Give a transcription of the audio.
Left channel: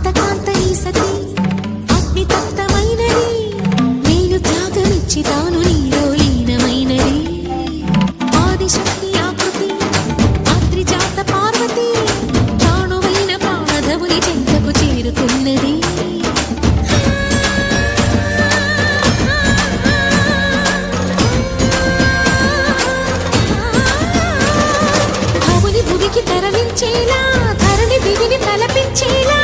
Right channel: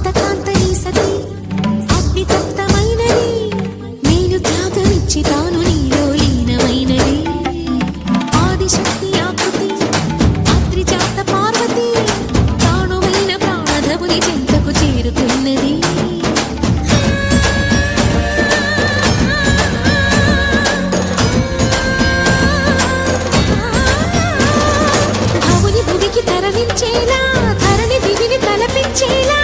కాంతకాంతని సతి అగ్ని తప్తమైనది నేను త్యాగమిచ్చి తాను నీలో లీనమైనది ఆదిశక్తి ఆకృతి ఆత్రిజాత పార్వతి తానువైన ప్రాణధవుని చెంతకు చేరుకున్నది భువికి తరలించేలా ధరణి దివిని తలపించేలా